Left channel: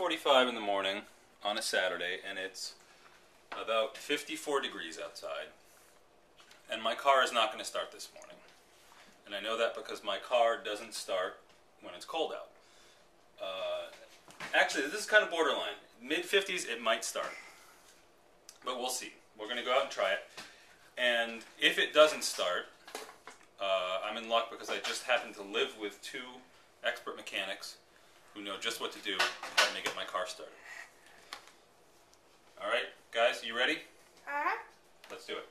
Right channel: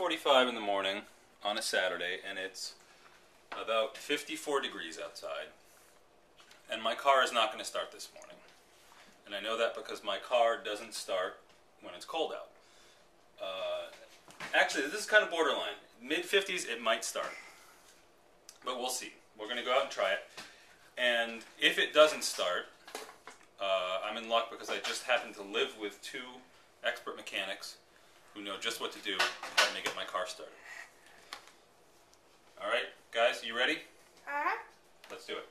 7:45 in the morning on a Saturday, and it's about 54 degrees outside, and my car is not going to start this morning. And I know that because my car doesn't start when it's cold out. Actually, this is kind of borderline. Mid-50s, it might start, but we'll see. We're going to go out and try it, and if it doesn't start, I'm in luck because I just happen to live with two expert mechanics who know just what to do to help me get my car started. Alright, guys, you ready? Uh-huh. Let's do it.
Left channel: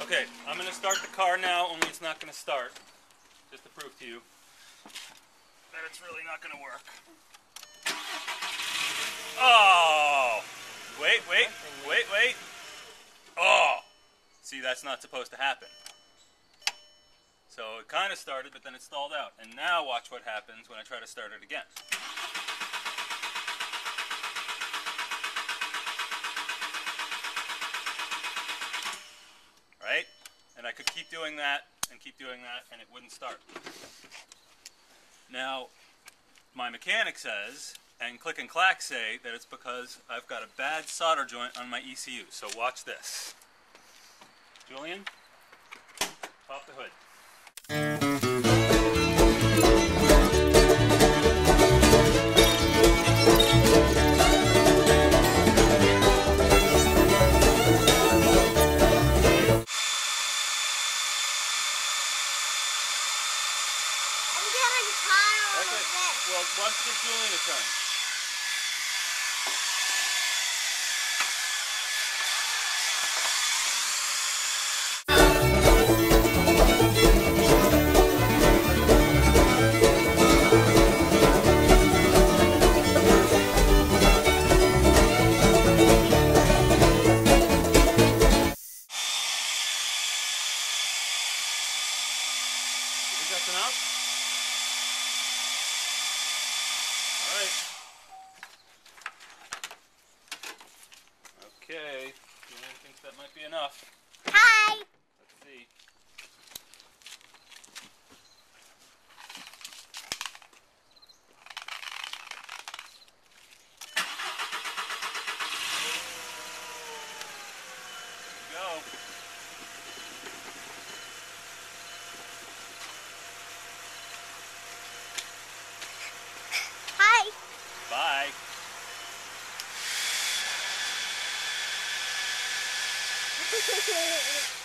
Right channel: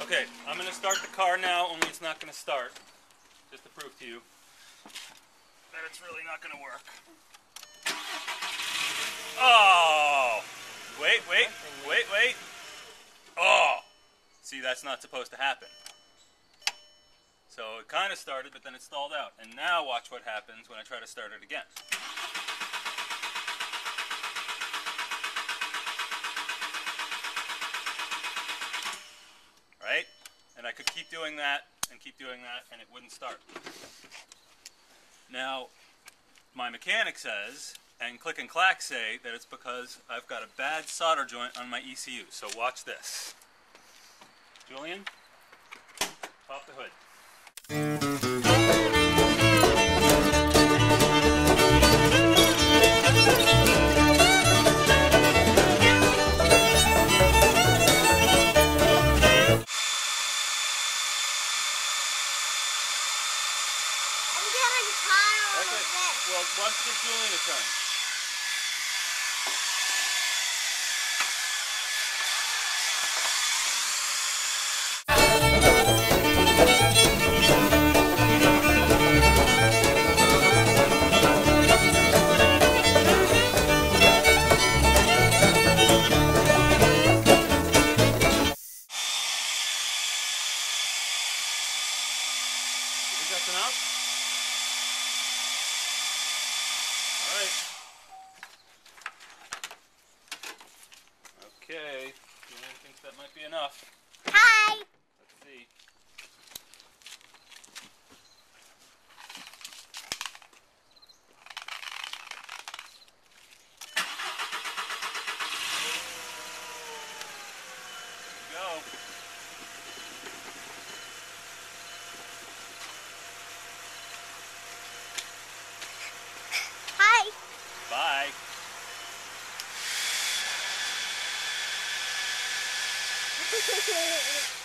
Okay, I'm going to start the car now, only it's not going to start. Just to prove to you that it's really not going to work. Oh! Wait. Oh! See, that's not supposed to happen. So it kind of started, but then it stalled out. And now watch what happens when I try to start it again. Right? And I could keep doing that, and and it wouldn't start. Now, my mechanic says, and Click and Clack say, that it's because I've got a bad solder joint on my ECU. So watch this. Julian, pop the hood. Well, why don't you give Julian a turn? You think that's enough? Okay, Julian thinks that might be enough. Hi! Let's see. Here we go. Hi! Bye. Hehehehe